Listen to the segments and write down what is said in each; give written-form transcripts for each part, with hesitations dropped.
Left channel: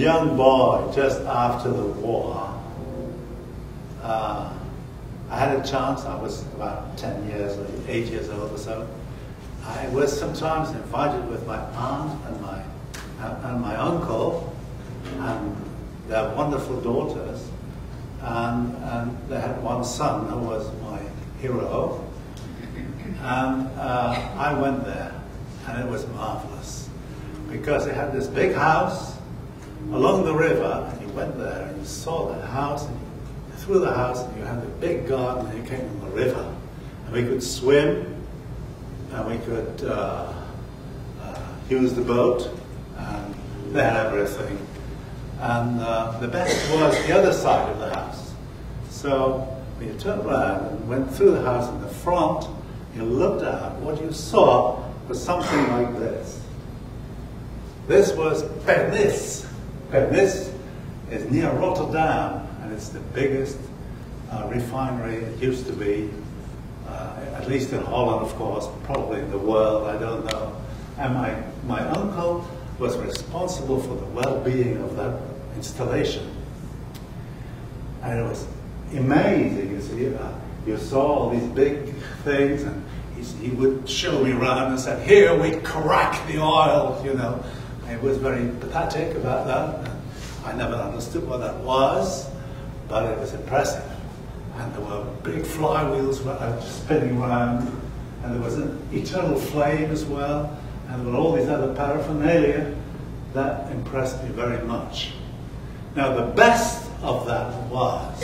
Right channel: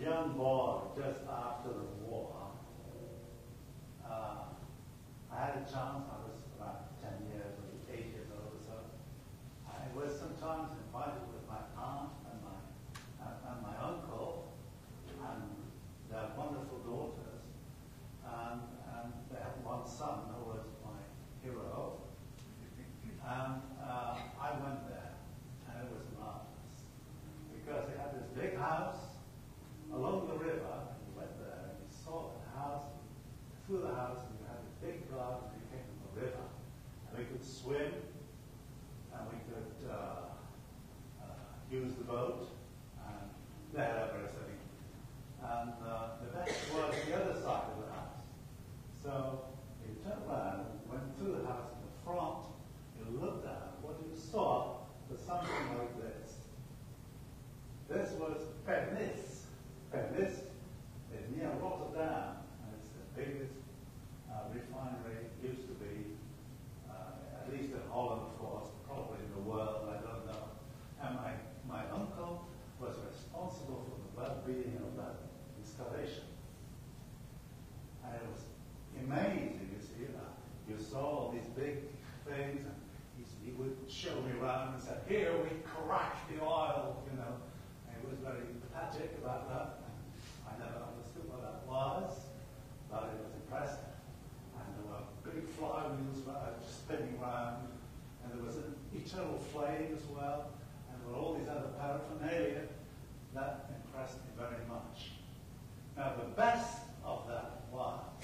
young boy, just after the war, I had a chance. I was about 10 years or 8 years old or so. I was sometimes invited with my aunt and my uncle and their wonderful daughters, and they had one son who was my hero, and I went there, and it was marvelous because they had this big house along the river, and you went there and you saw the house, and you through the house, and you had the big garden, and you came on the river, and we could swim, and we could use the boat, and they had everything. And the best was the other side of the house. So when you turned around and went through the house in the front, you looked out, what you saw was something like this. This was Pernis. Pernis is near Rotterdam, and it's the biggest refinery. It used to be, at least in Holland, of course, probably in the world, I don't know. And my uncle was responsible for the well-being of that installation. And it was amazing, you see. You saw all these big things, and he would show me around and said, here we crack the oil, you know. And he was very pathetic about that. I never understood what that was, but it was impressive. And there were big flywheels spinning around, and there was an eternal flame as well, and there were all these other paraphernalia that impressed me very much. Now, the best of that was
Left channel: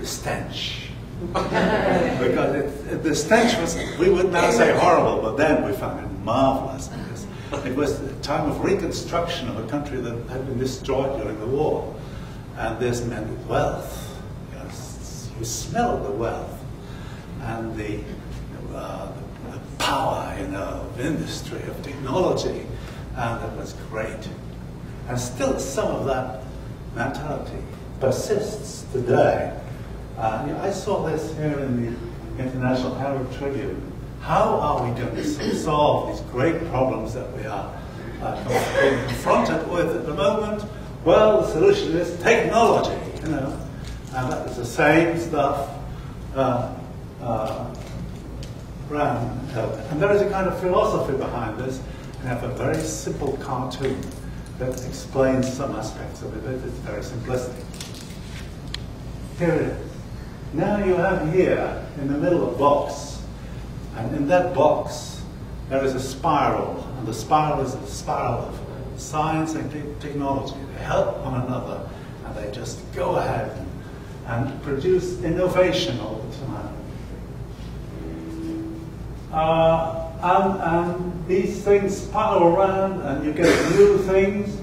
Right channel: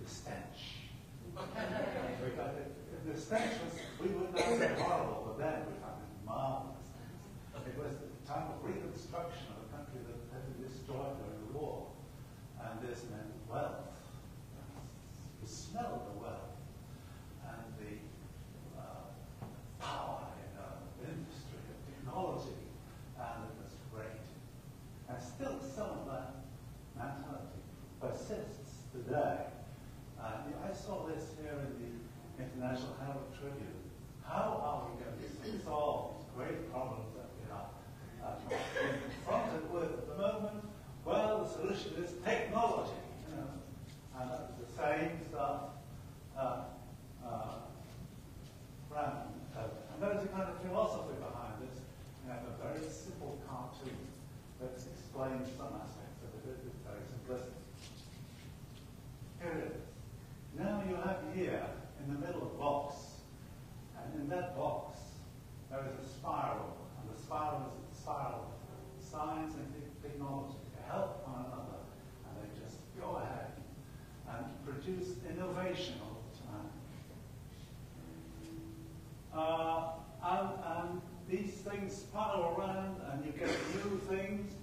the stench. Because the stench was, we would now say horrible, but then we found it marvelous, because it was the time of reconstruction of a country that had been destroyed during the war. And this meant wealth. You smelled the wealth and the power, you know, of industry, of technology, and it was great. And still some of that mentality persists today. I saw this here in the International Arab Tribune. How are we going to solve these great problems that we are being confronted with at the moment? Well, the solution is technology, you know. And that is the same stuff around. And there is a kind of philosophy behind this. And I have a very simple cartoon that explains some aspects of it, but it's very simplistic. Here it is. Now you have here, in the middle, a box. And in that box, there is a spiral. And the spiral is a spiral of science and technology. They help one another, and they just go ahead and produce innovation all the time. And these things spiral around, and you get new things,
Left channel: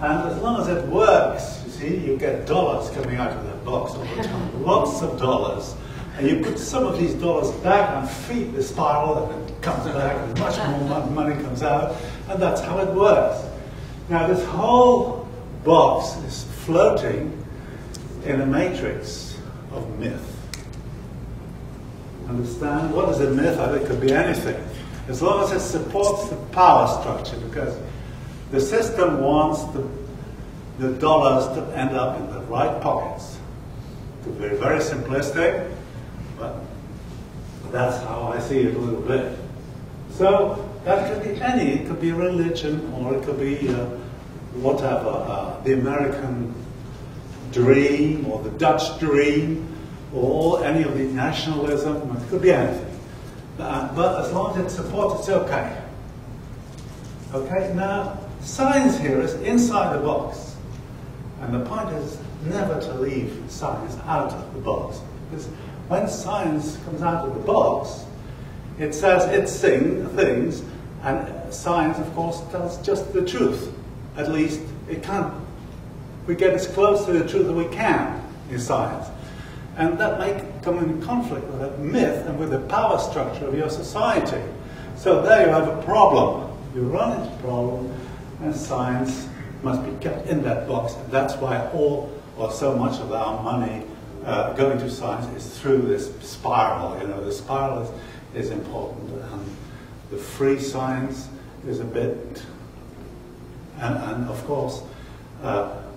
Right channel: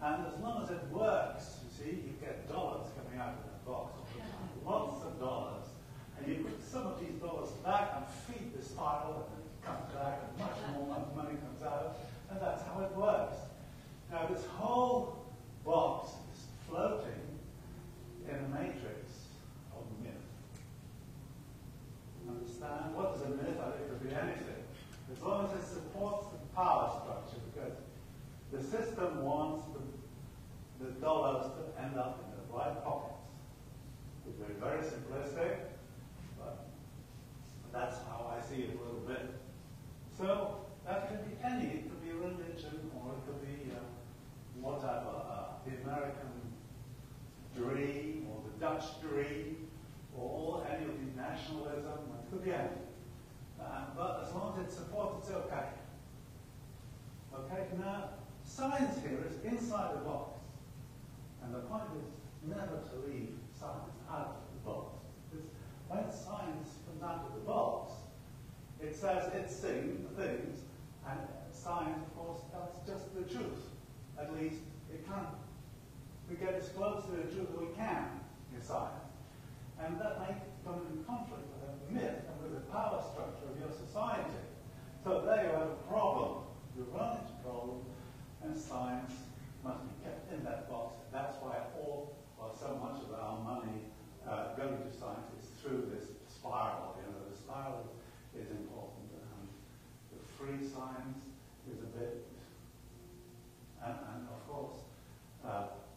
and as long as it works, you see, you get dollars coming out of that box all the time, lots of dollars. And you put some of these dollars back and feed the spiral, and it comes back, and much more money comes out, and that's how it works. Now, this whole box is floating in a matrix of myth. Understand? What is a myth? It could be anything. As long as it supports the power structure, because the system wants the dollars to end up in the right pockets. To be very simplistic, but that's how I see it a little bit. So that could be any. It could be religion, or it could be whatever, the American dream, or the Dutch dream, or any of the nationalism. It could be anything. But as long as it supports, it's okay. Okay, now, science here is inside the box. And the point is never to leave science out of the box. Because when science comes out of the box, it says it's things, and science, of course, tells just the truth. At least it can't. We get as close to the truth as we can in science. And that may come in conflict with a myth and with the power structure of your society. So there you have a problem. You run into a problem, and science must be kept in that box. And that's why all, or so much of our money going to science is through this spiral. You know, the spiral is important. And the free science is a bit, and of course,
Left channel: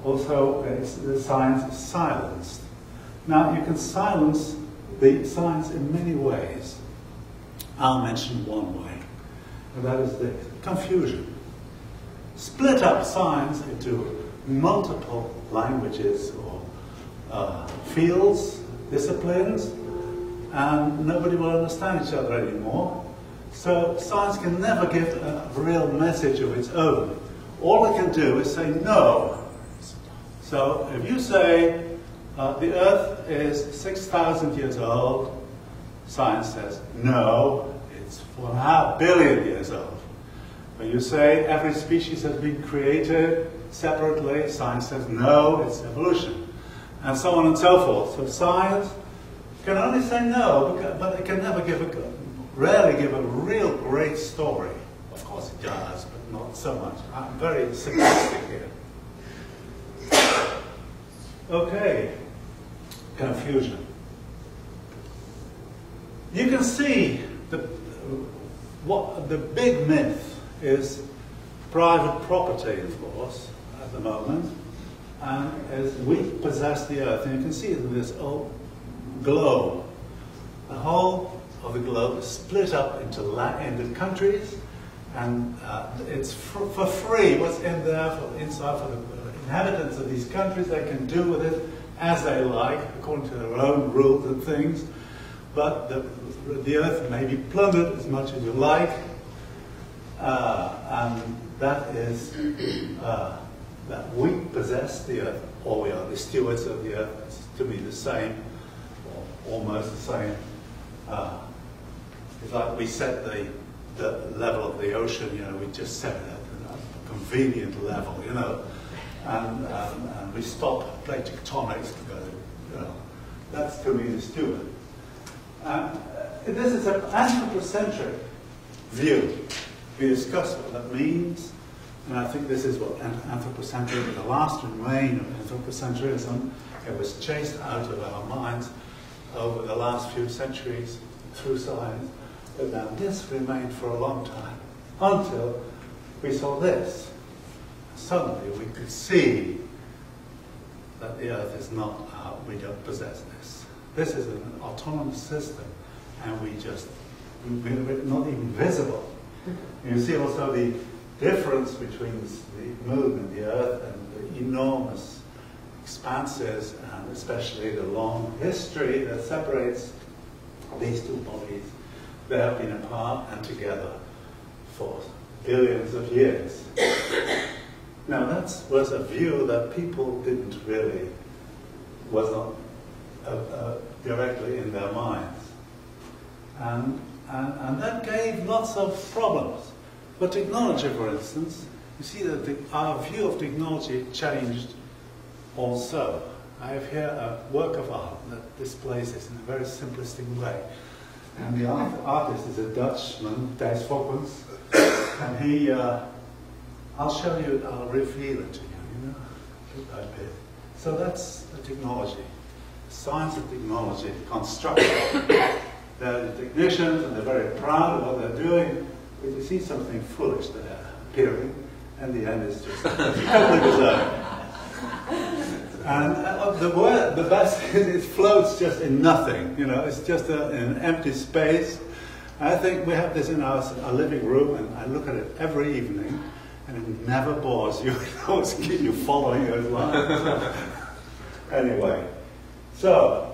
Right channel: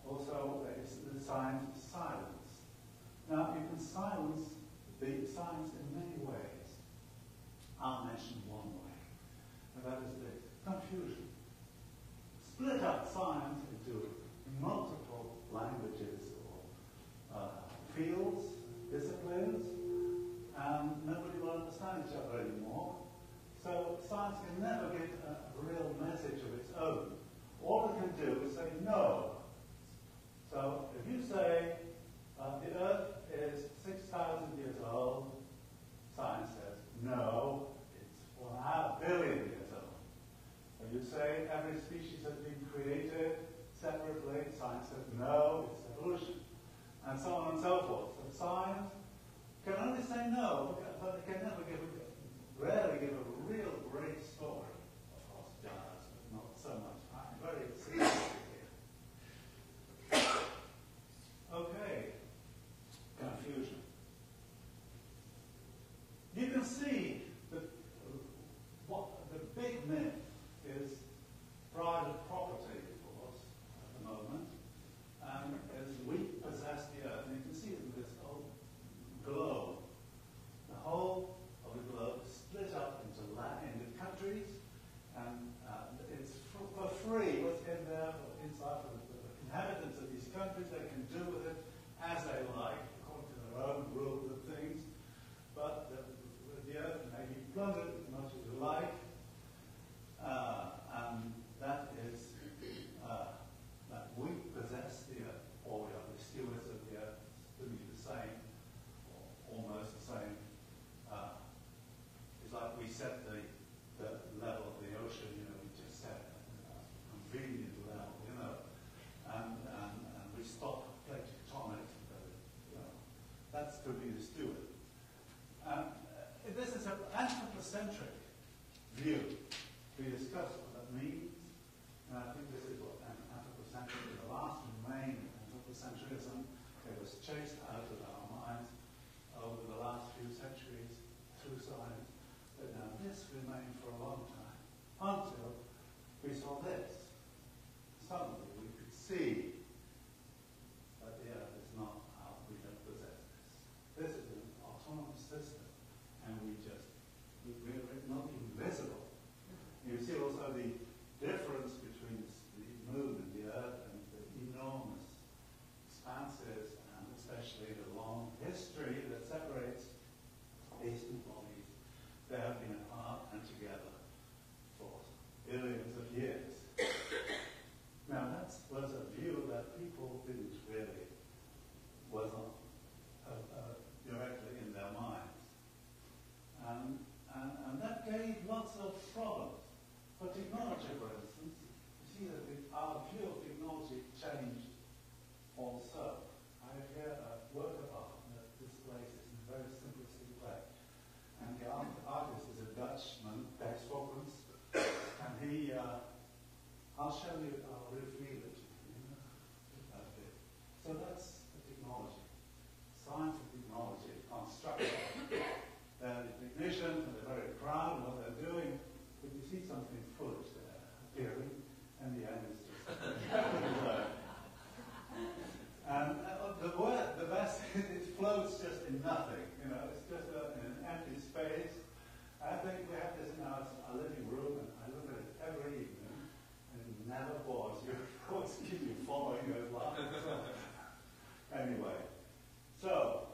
Also, the science is silenced. Now, you can silence the science in many ways. I'll mention one way, and that is the confusion. Split up science into multiple languages or fields, disciplines, and nobody will understand each other anymore. So science can never give a real message of its own. All it can do is say no. So if you say the Earth is 6,000 years old, science says no, it's 4.5 billion years old. When you say every species has been created separately, science says no, it's evolution. And so on and so forth. So science can only say no, but it can never rarely give a real great story. Of course it does, but not so much. I'm very simplistic here. Okay, confusion. You can see what the big myth is private property, of course, at the moment, and as we possess the Earth. And you can see it in this old globe. The whole of the globe is split up into countries, and it's for free. What's in there inside for the inhabitants of these countries, they can do with it as they like, according to their own rules and things. But the Earth may be plundered as much as you like, and that is that we possess the Earth, or we are the stewards of the Earth. It's to be the same, or almost the same. It's like we set the level of the ocean, you know, we just set it at a convenient level, you know, and we stop plate tectonics, you know. That's to be the steward. This is an anthropocentric view. We discussed what that means, and I think this is what anthropocentrism, the last remain of anthropocentrism, it was chased out of our minds over the last few centuries through science, but now this remained for a long time, until we saw this. Suddenly we could see that the Earth is not, we don't possess this. This is an autonomous system, and we're not even visible. You see also the difference between the moon and the Earth and the enormous expanses, and especially the long history that separates these two bodies. They have been apart and together for billions of years. Now that was a view that people didn't really, was not directly in their minds. And that gave lots of problems. For technology, for instance, you see that our view of technology changed also. I have here a work of art that displays this in a very simplistic way. And the artist is a Dutchman, Thijs Fokkens, and he, I'll show you, I'll reveal it to you know, bit by bit. So that's the technology, science and technology, construction. They're the technicians, and they're very proud of what they're doing, but you see something foolish there appearing, and the end is just totally bizarre. And the best is it floats just in nothing, you know, it's just an empty space. I think we have this in our living room, and I look at it every evening, and it never bores you. It always keeps you following those lines. Anyway, so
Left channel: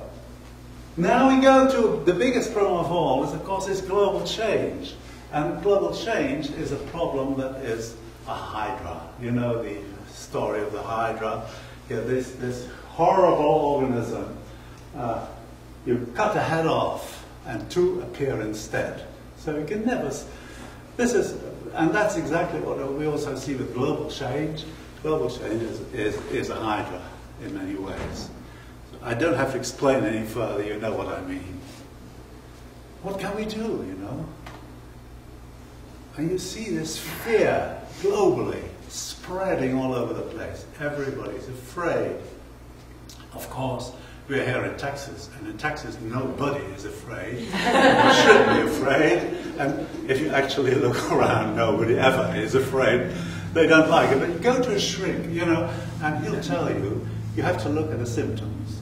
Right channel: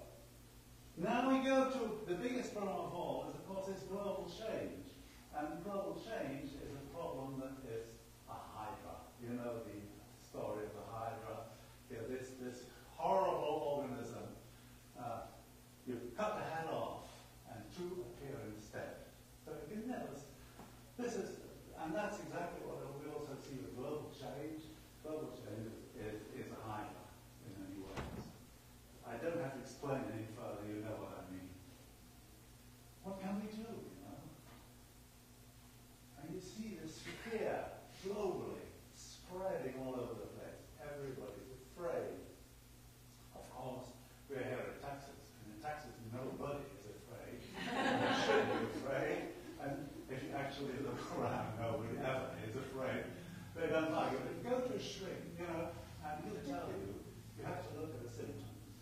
now we go to the biggest problem of all, is of course is global change. And global change is a problem that is a hydra. You know the story of the hydra. Yeah, this horrible organism, you cut a head off and two appear instead. So you can never, and that's exactly what we also see with global change. Global change is a hydra in many ways. I don't have to explain any further, you know what I mean. What can we do, you know? And you see this fear globally spreading all over the place. Everybody's afraid. Of course, we're here in Texas, and in Texas nobody is afraid. You shouldn't be afraid. And if you actually look around, nobody ever is afraid. they don't like it. But you go to a shrink, you know, and he'll tell you, you have to look at the symptoms.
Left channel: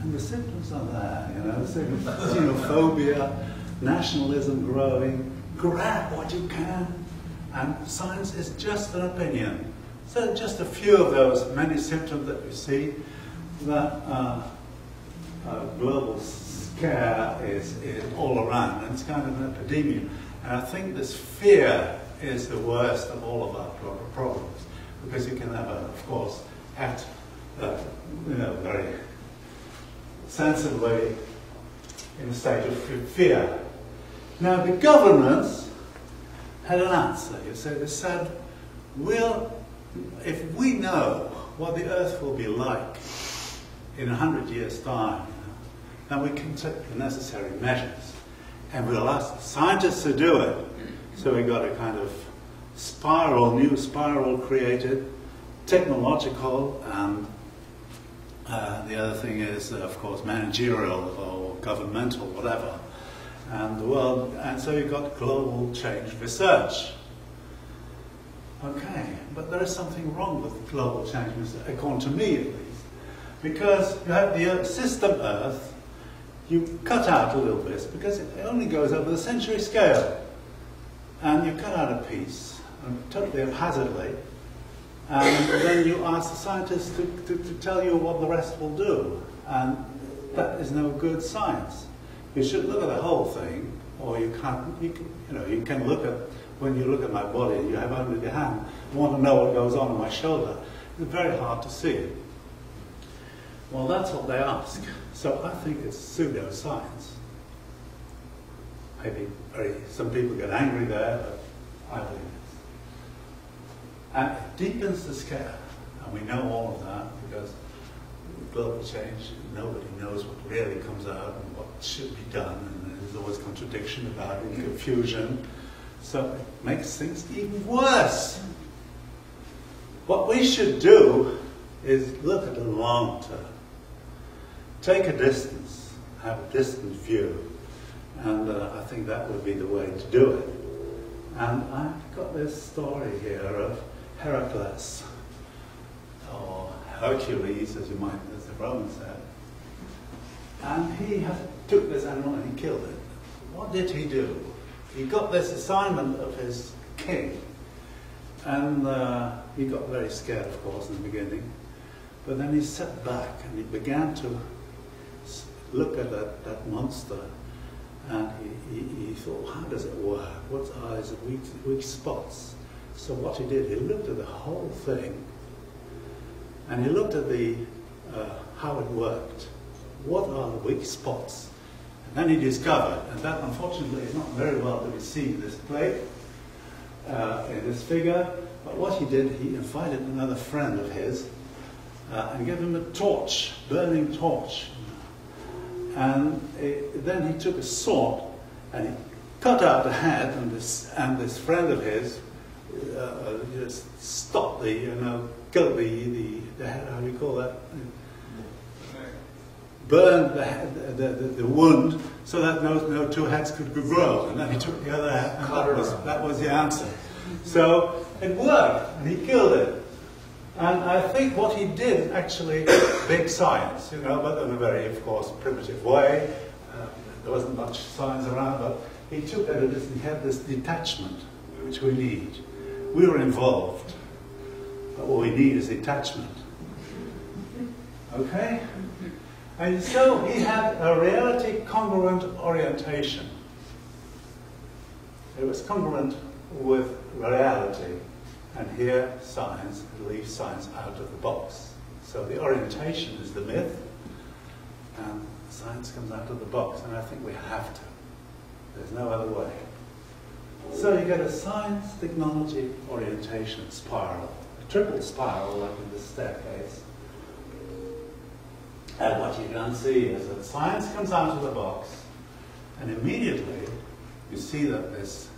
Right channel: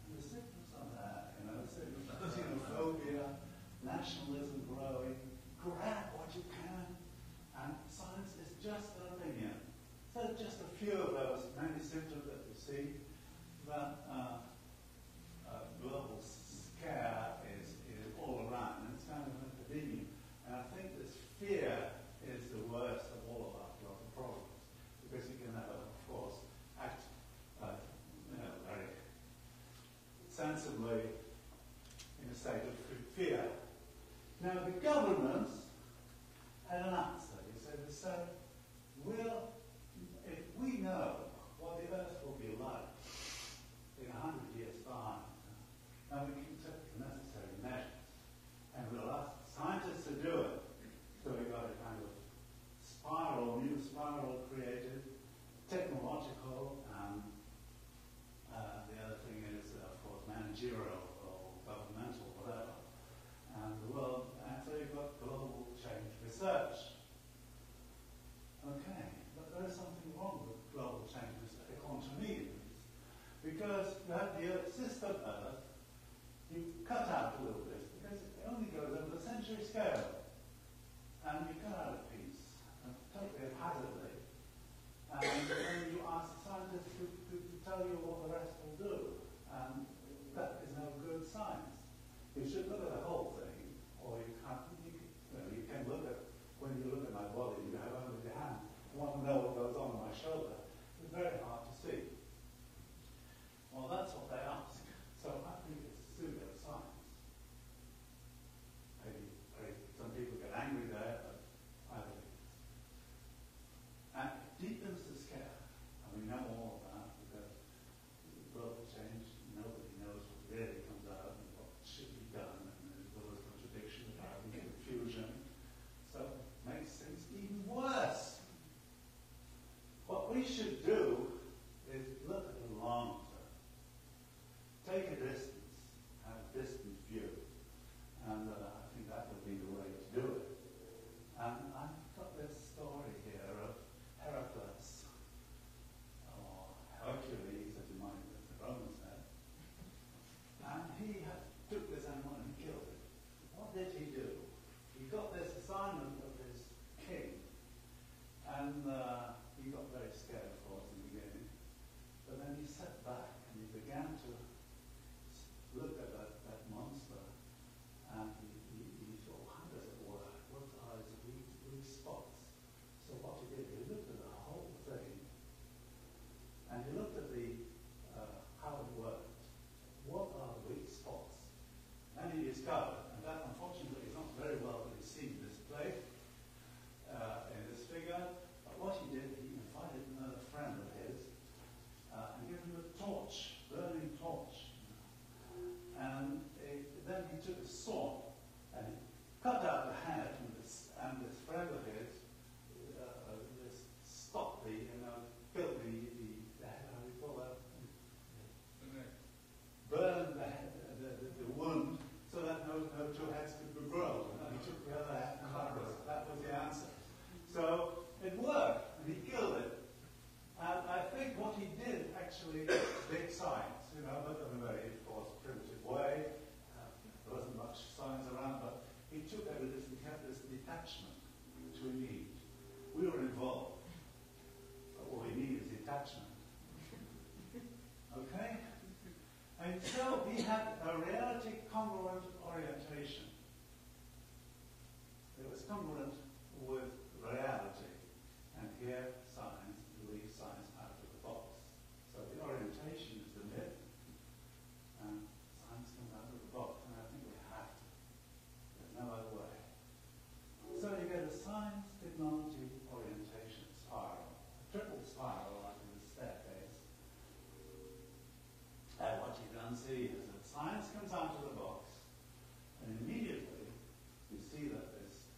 And the symptoms are there, you know, xenophobia, nationalism growing, grab what you can, and science is just an opinion. So just a few of those many symptoms that you see, that global scare is all around, and it's kind of an epidemic. And I think this fear is the worst of all of our problems, because you can never, of course, act very sensibly in a state of fear. Now, the governments had an answer. You see, they said, if we know what the Earth will be like in 100 years' time, then we can take the necessary measures. And we'll ask scientists to do it. So we got a kind of new spiral created, technological, and the other thing is, of course, managerial or governmental, whatever. And so you've got global change research. Okay, but there is something wrong with global change research, according to me at least. Because you have the system Earth, you cut out a little bit, because it only goes over the century scale. And you cut out a piece, totally haphazardly, and then you ask the scientists to tell you what the rest will do. And that is no good science. You should look at the whole thing, or you can look at, when you look at my body, you have only your hand, you want to know what goes on my shoulder. It's very hard to see it. Well, that's what they ask. So I think it's pseudoscience. Maybe some people get angry there, but I believe it. And it deepens the scare. And we know all of that because global change, nobody knows what really comes out and what should be done. And there's always contradiction about it, and confusion. So it makes things even worse. What we should do is look at the long term. Take a distance, have a distant view. And I think that would be the way to do it. And I've got this story here of Heracles, or Hercules, as the Romans said. And he took this animal and he killed it. What did he do? He got this assignment of his king. And he got very scared, of course, in the beginning. But then he sat back and he began to look at that monster. And he thought, how does it work? What are his weak spots? So what he did, he looked at the whole thing, and he looked at how it worked. What are the weak spots? And then he discovered, and that unfortunately is not very well to be seen in this plate, in this figure, but what he did, he invited another friend of his and gave him a torch, burning torch. And then he took a sword and he cut out the head, and this friend of his just stopped killed the head, how do you call that? Burned the wound so that no two heads could grow. And then he took the other head, and that was the answer. So it worked, and he killed it. And I think what he did is actually big science, but in a very, of course, primitive way. There wasn't much science around, but he took it and he had this detachment, which we need. We were involved, but what we need is detachment. Okay? And so he had a reality congruent orientation. It was congruent with reality. And here, science leaves science out of the box. So the orientation is the myth, and science comes out of the box, and I think we have to. There's no other way. So you get a science, technology, orientation spiral, a triple spiral like in this staircase. And what you can see is that science comes out of the box, and immediately you see that this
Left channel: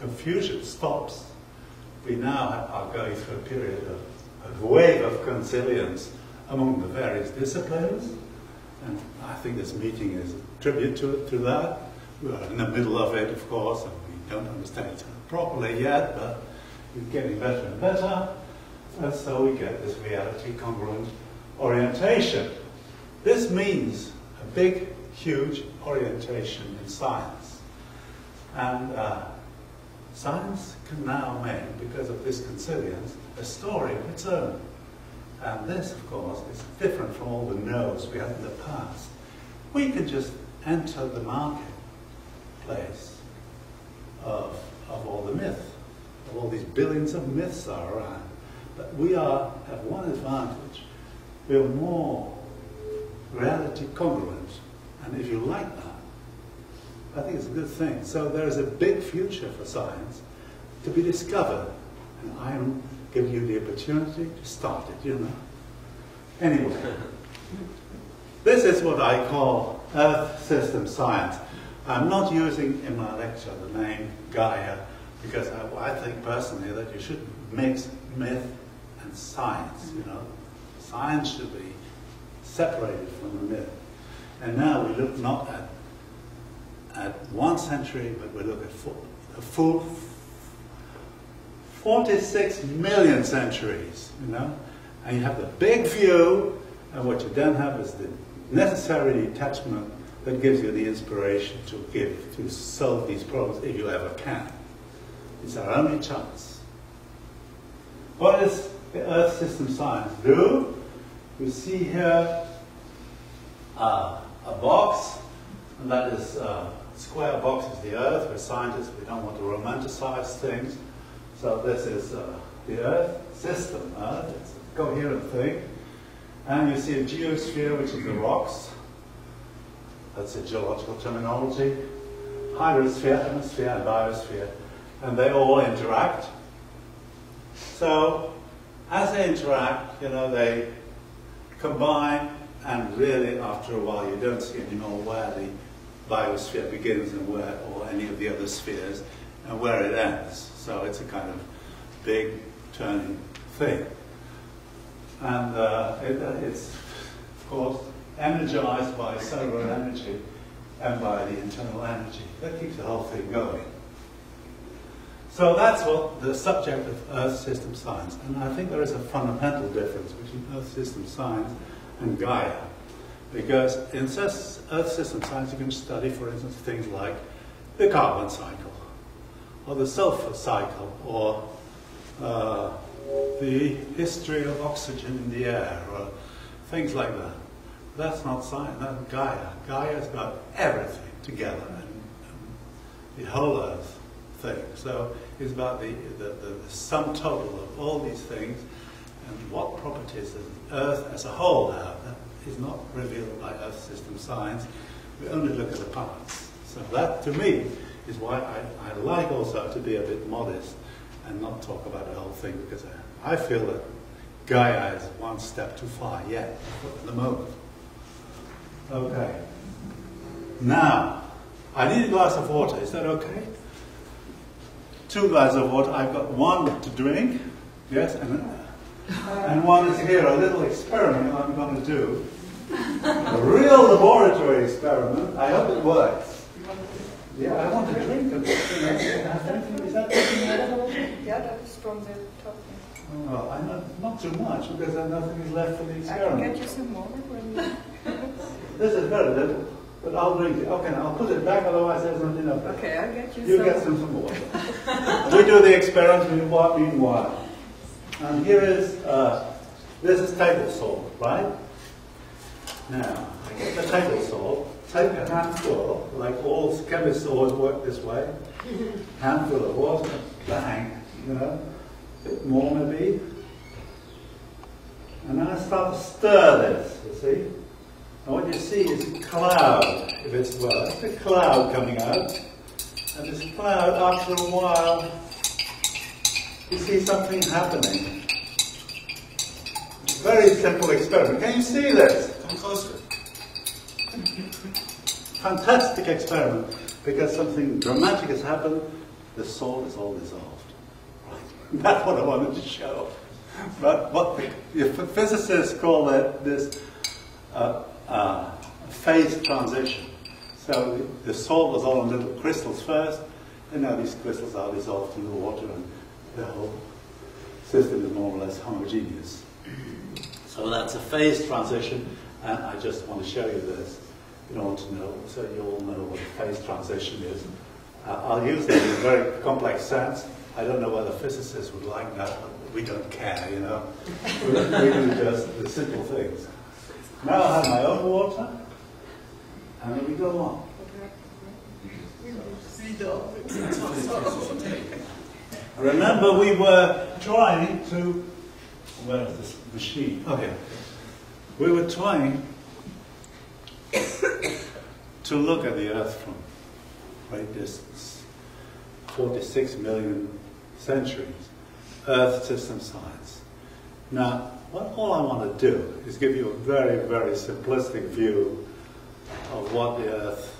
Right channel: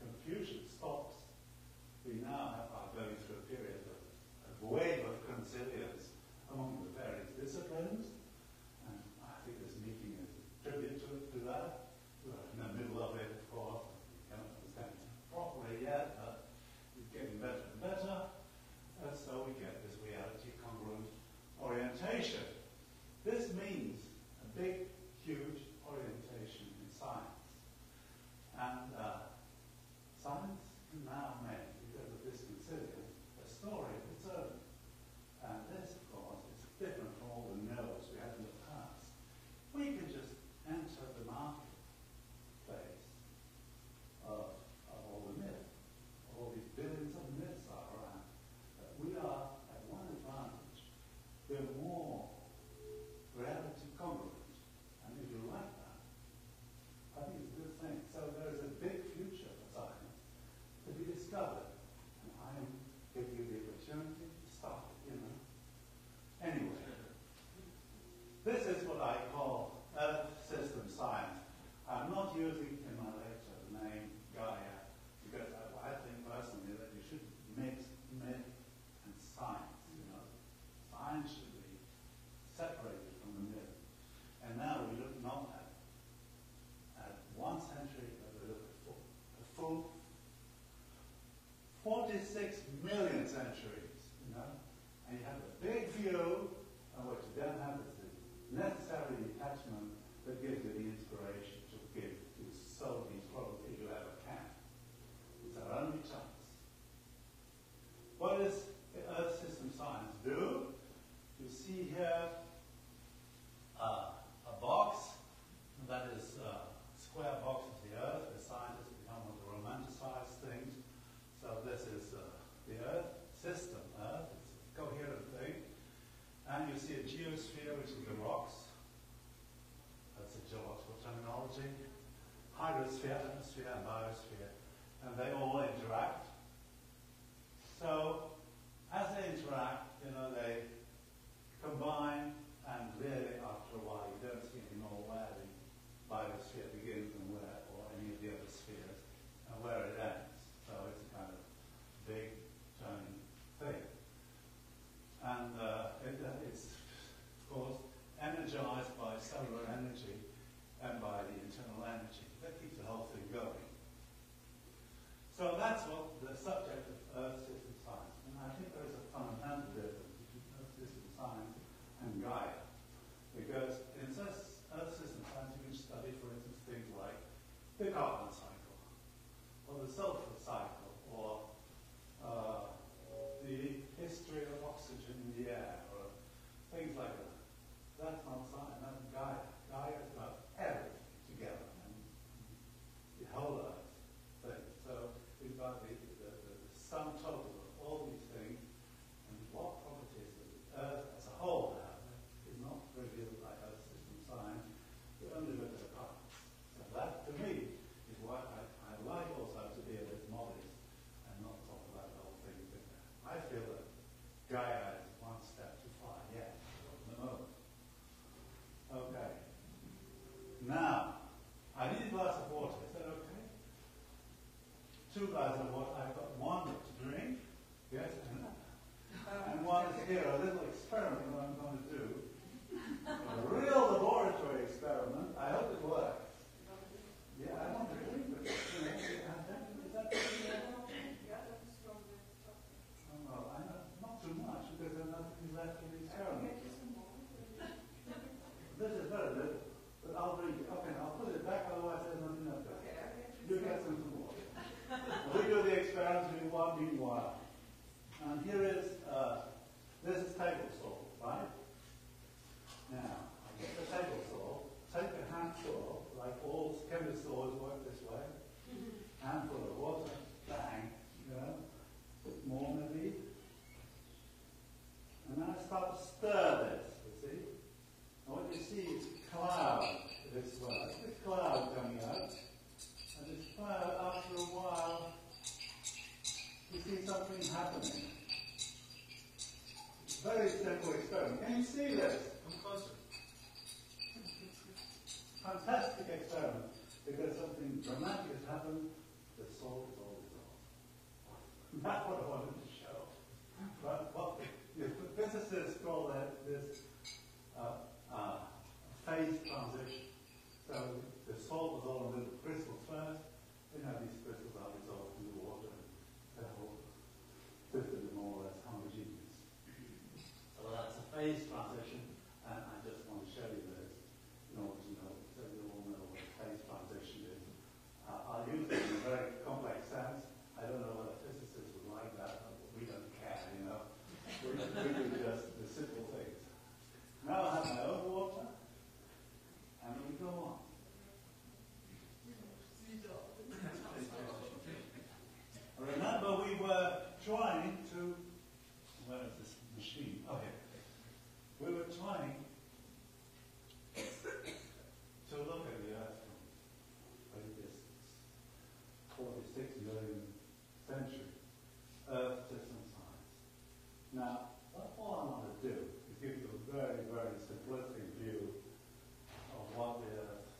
confusion stops. We now are going through a period of a wave of consilience among the various disciplines, and I think this meeting is a tribute to that. We are in the middle of it, of course, and we don't understand it properly yet, but We're getting better and better, and so we get this reality congruent orientation. This means a big, huge orientation in science. And science can now make, because of this consilience, a story of its own. And this, of course, is different from all the no's we had in the past. We can just enter the marketplace of all the myth, of all these billions of myths are around. But we have one advantage. We are more reality congruent. And if you like that, I think it's a good thing. So there is a big future for science to be discovered. And I am giving you the opportunity to start it, you know. Anyway, this is what I call Earth system science. I'm not using in my lecture the name Gaia because I think personally that you should mix myth and science, you know. Science should be separated from the myth. And now we look not at 1 century, but we look at a full 46 million centuries, you know. And you have the big view, and what you then have is the necessary detachment that gives you the inspiration to solve these problems if you ever can. It's our only chance. What does the Earth system science do? You see here a box, and that is square box is the Earth. We're scientists, we don't want to romanticize things. So this is the Earth system. It's a coherent thing. And you see a geosphere, which is the rocks. That's a geological terminology. Hydrosphere, atmosphere, and biosphere. And they all interact. So as they interact, you know, they combine, and really after a while you don't see anymore where the biosphere begins and where, or any of the other spheres, and where it ends. So it's a kind of big turning thing. And it's, of course, energized by solar energy and by the internal energy. That keeps the whole thing going. So that's what the subject of Earth system science. And I think there is a fundamental difference between Earth system science and Gaia. Because in Earth system science you can study, for instance, things like the carbon cycle, or the sulfur cycle, or the history of oxygen in the air, or things like that. That's not science, that's Gaia. Gaia's got everything together, and the whole Earth thing. So it's about the sum total of all these things, and what properties does the Earth as a whole have. That is not revealed by Earth system science. We only look at the parts. So that, to me, is why I like also to be a bit modest and not talk about the whole thing, because I feel that Gaia is one step too far yet at the moment. Okay. Now, I need a glass of water. Is that okay? 2 glasses of water. I've got one to drink, yes, and one is here, a little experiment I'm going to do. A real laboratory experiment. I hope it works. Yeah, I want to drink a bit. Is that Yeah, that is from the top. Well, not too much, because then nothing is left for the experiment. I can get you some more when you... This is very little, but I'll drink it. Okay, I'll put it back, otherwise there's not enough. Okay, I'll get you some. You get some water. We do the experiment meanwhile. And here is, this is table salt, right? Now, I get the table salt, take a handful, like all chemists always work this way, handful of water, bang, you know, a bit more maybe. And then I start to stir this, you see. And what you see is a cloud, if it's well. It's a cloud coming out. And this cloud, after a while, you see something happening. It's a very simple experiment. Can you see this? Come closer. Fantastic experiment, because something dramatic has happened. The salt is all dissolved. Right. That's what I wanted to show. But what the physicists call this phase transition. So the salt was all in little crystals first, and now these crystals are dissolved in the water, and the whole system is more or less homogeneous. So that's a phase transition, and I just want to show you this in order to know, so you all know what a phase transition is. I'll use it in a very complex sense. I don't know whether physicists would like that, but we don't care, you know. We do just the simple things. Now I have my own water, and then we go on. Remember, we were trying to, where is this machine? Okay. We were trying to look at the Earth from great distance, 46 million centuries, Earth system science. Now, all I want to do is give you a very, very simplistic view of what the Earth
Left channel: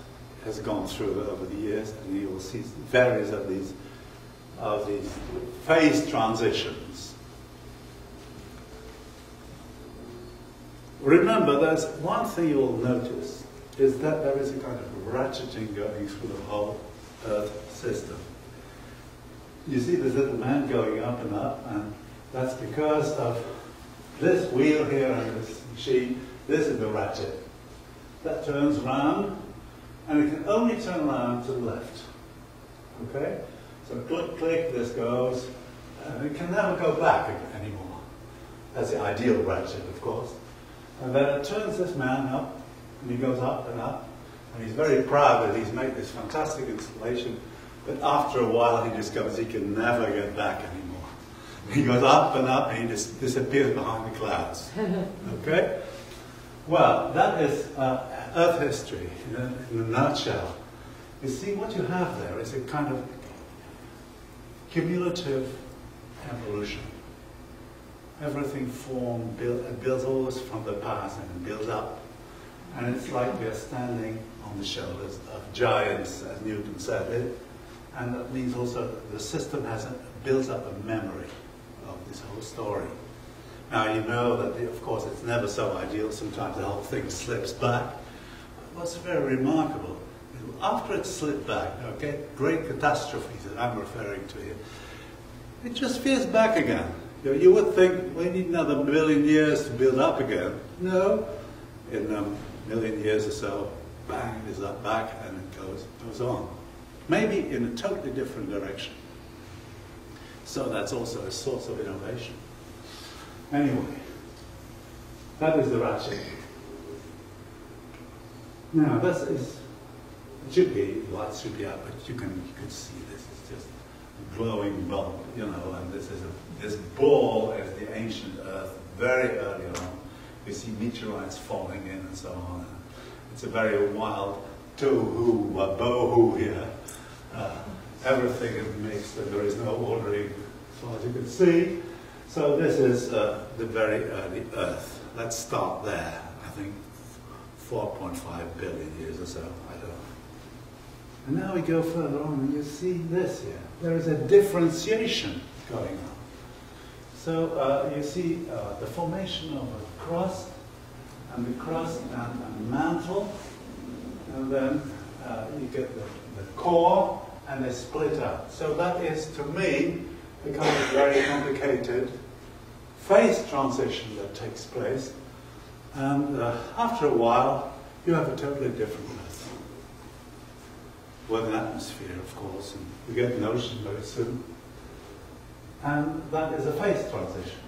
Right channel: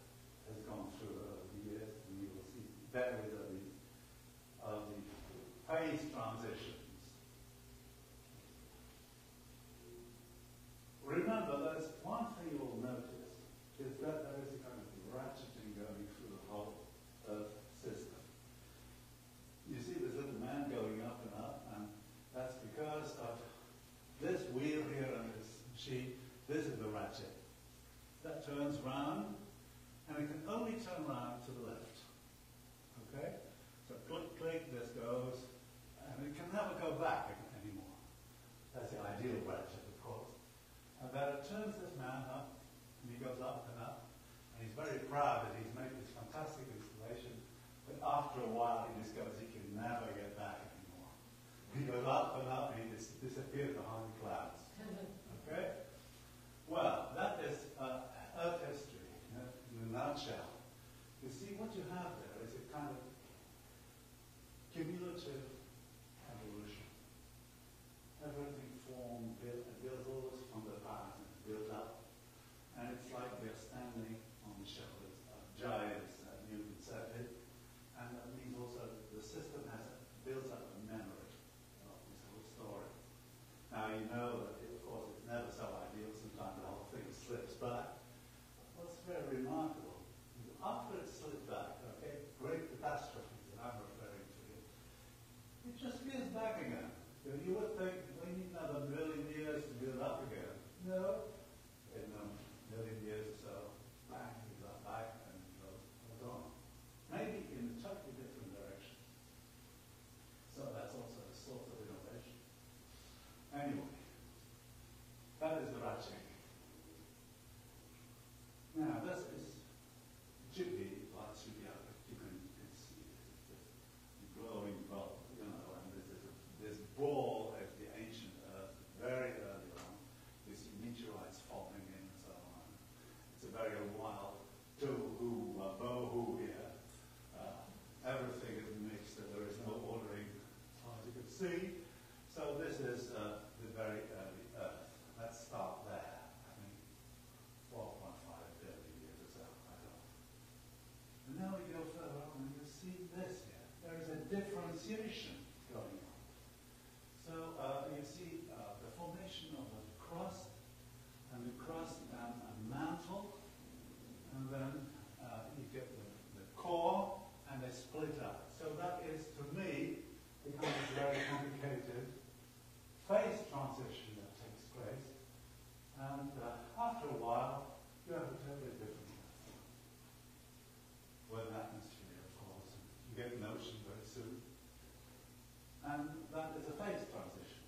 has gone through over the years, and you will see various of these phase transitions. Remember, there's one thing you will notice, is that there is a kind of ratcheting going through the whole Earth system. You see this little man going up, and that's because of this wheel here and this machine. This is the ratchet. That turns round, and it can only turn around to the left. Okay? So click, click, this goes, and it can never go back anymore. That's the ideal ratchet, of course. And then it turns this man up, and he goes up, and he's very proud that he's made this fantastic installation, but after a while he discovers he can never get back anymore. He goes up, and he just disappears behind the clouds. Okay? Well, that is Earth history in a nutshell. You see, what you have there is a kind of cumulative evolution. Everything formed, builds always from the past and builds up. And it's like we're standing on the shoulders of giants, as Newton said it. And that means also the system builds up a memory of this whole story. Now you know that, of course, it's never so ideal. Sometimes the whole thing slips back. But what's very remarkable is after it slipped back, okay, great catastrophes that I'm referring to here, it just veers back again. You would think we need another million years to build up again. No, in a million years or so, bang, it is up back, and it goes on. Maybe in a totally different direction. So that's also a source of innovation. Anyway, that is the ratchet. Now, this is, it should be, lights should be out, but you can see this. It's just a glowing bulb, you know, and this ball is the ancient Earth, very early on. We see meteorites falling in and so on. It's a very wild tohu, bohu here. Everything is mixed and there is no ordering, as far as you can see. So this is the very early Earth. Let's start there. I think 4.5 billion years or so, I don't know. And now we go further on and you see this here. There is a differentiation going on. So you see the formation of a crust, and the crust and mantle, and then you get the core, and they split out. So that is, to me, a kind of very complicated phase transition that takes place. And after a while, you have a totally different Earth. With an atmosphere, of course, and we get an ocean very soon. And that is a phase transition.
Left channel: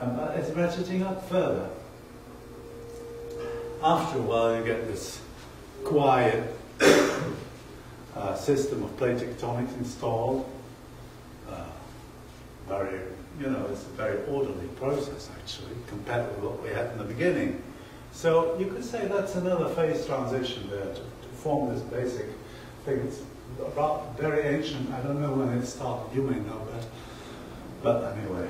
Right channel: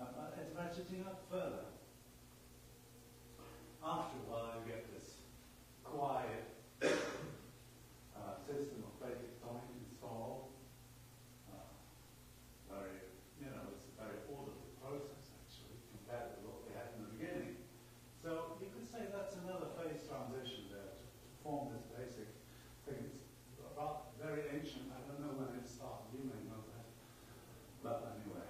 But it's ratcheting up further. After a while, you get this quiet system of plate tectonics installed. It's a very orderly process, actually, compared with what we had in the beginning. So you could say that's another phase transition there to form this basic thing. It's very ancient. I don't know when it started. You may know that. But anyway.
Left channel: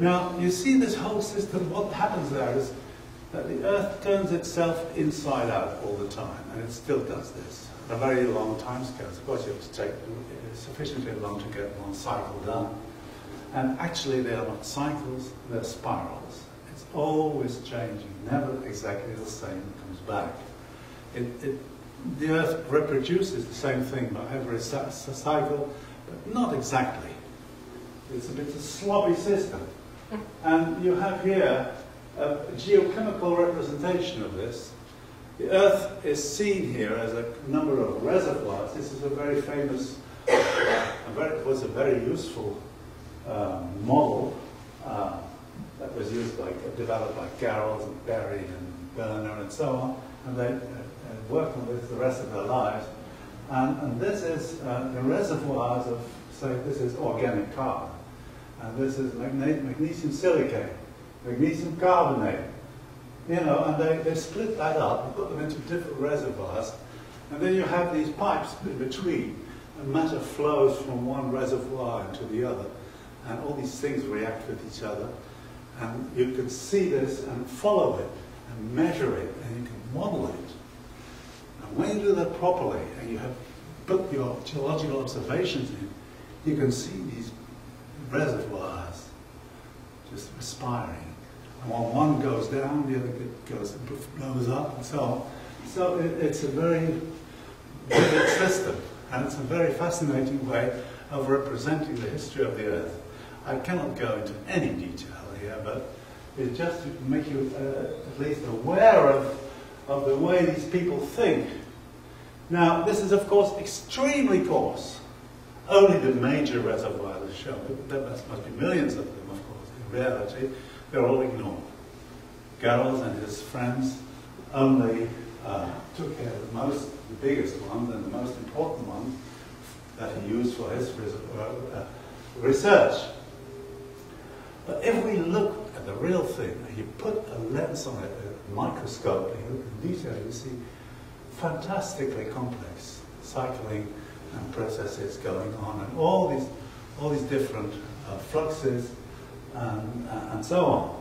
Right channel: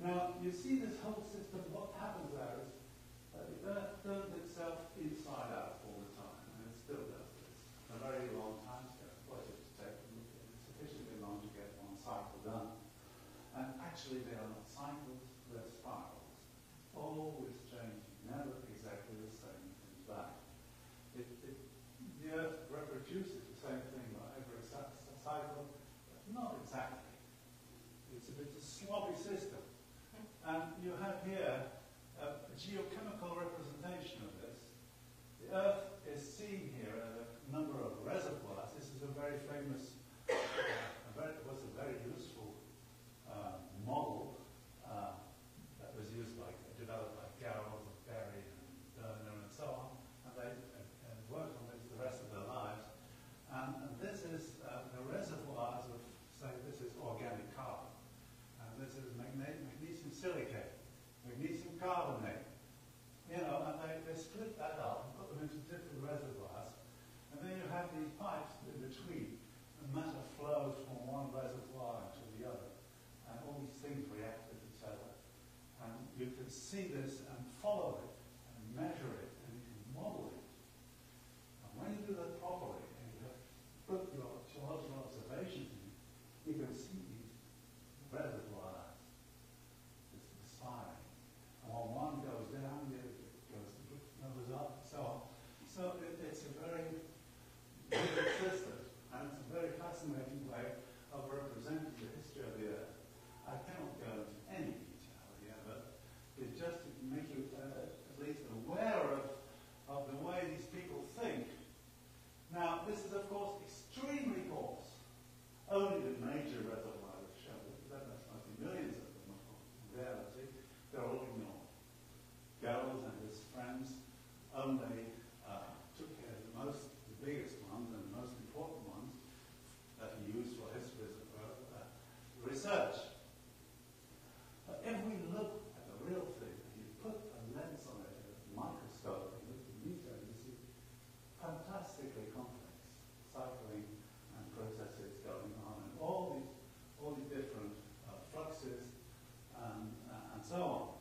Now, you see this whole system, what happens there is that the Earth turns itself inside out all the time, and it still does this. A very long time scale. Of course, you have to take sufficiently long to get one cycle done. And actually, they are not cycles, they're spirals. It's always changing, never exactly the same, it comes back. The Earth reproduces the same thing by every cycle, but not exactly. It's a bit of a sloppy system. And you have here a geochemical representation of this. The Earth is seen here as a number of reservoirs. This is a very famous, was a very useful model that was used, developed by Garrels and Berry and Berner and so on, and they worked on this the rest of their lives. And this is the reservoirs of, say, this is organic carbon, and this is magnesium silicate, magnesium carbonate, you know, and they split that up and put them into different reservoirs, and then you have these pipes in between, and matter flows from one reservoir into the other, and all these things react with each other, and you can see this and follow it, and measure it, and you can model it. And when you do that properly, and you have put your geological observations in, you can see these reservoirs just respiring. And while one goes down, the other blows up, and so on. So it's a very vivid system, and it's a very fascinating way of representing the history of the Earth. I cannot go into any detail here, but it's just to make you at least aware of the way these people think. Now, this is, of course, extremely coarse. Only the major reservoirs are shown. There must be millions of them, of course. In reality, they're all ignored. Garrels and his friends only took care of the biggest ones and the most important ones that he used for his research. But if we look at the real thing, and you put a lens on it, a microscope, and you look in detail, you see fantastically complex cycling and processes going on, and all these different fluxes and so on.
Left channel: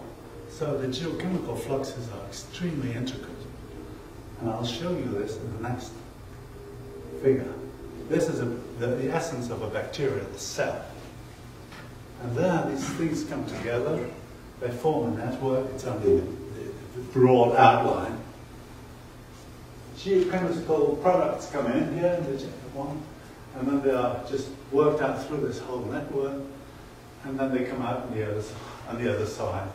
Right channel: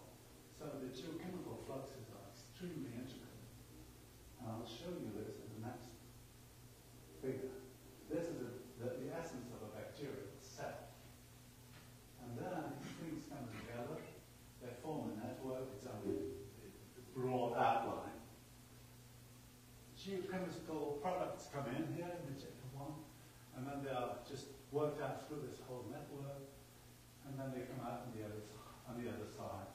So the geochemical fluxes are extremely intricate, and I'll show you this in the next figure. This is the essence of a bacterial cell, and there these things come together. They form a network. It's only the broad outline. Geochemical products come in here, the one, and then they are just worked out through this whole network, and then they come out on the other side